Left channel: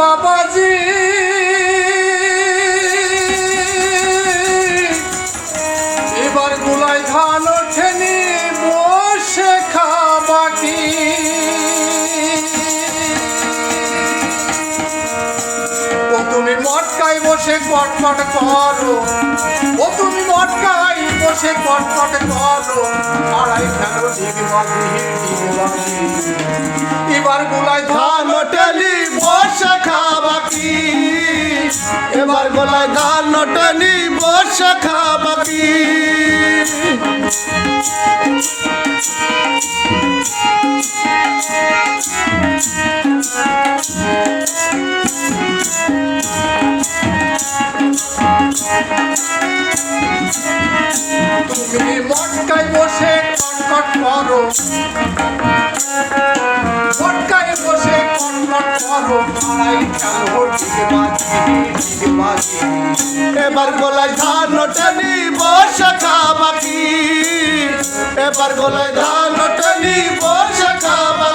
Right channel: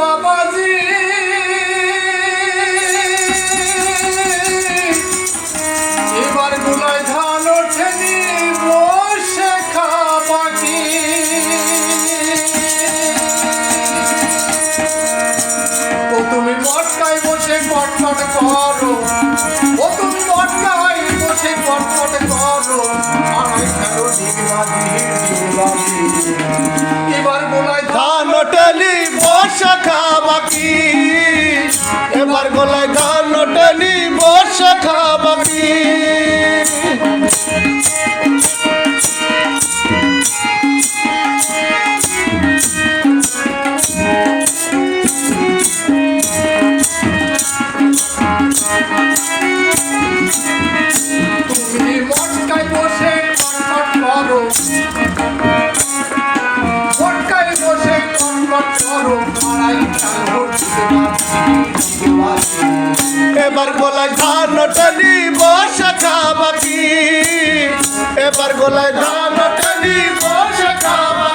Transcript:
বাবাজি এবার গোলায় ধান ওঠেনি বসে খাবাকি ও তুমি মটকায় বসে কটকট করো ও তুমি মটকায় বসে কটকট করো আড়াই খেলো ডিগবাজি এবার গোলায় ধান ওঠেনি বসে খাবাকি এবার গোলায় ধান ওঠেনি বসে খাবাকি তুমি মটকায় বসে কটকট করো মটকায় বসে কটকট করো আড়াই খেলো ডিগবাজি এবার গোলায় ধান ওঠেনি বসে খাবাকি এবার গোলায় ধান ওঠেনি বসে খাবাকি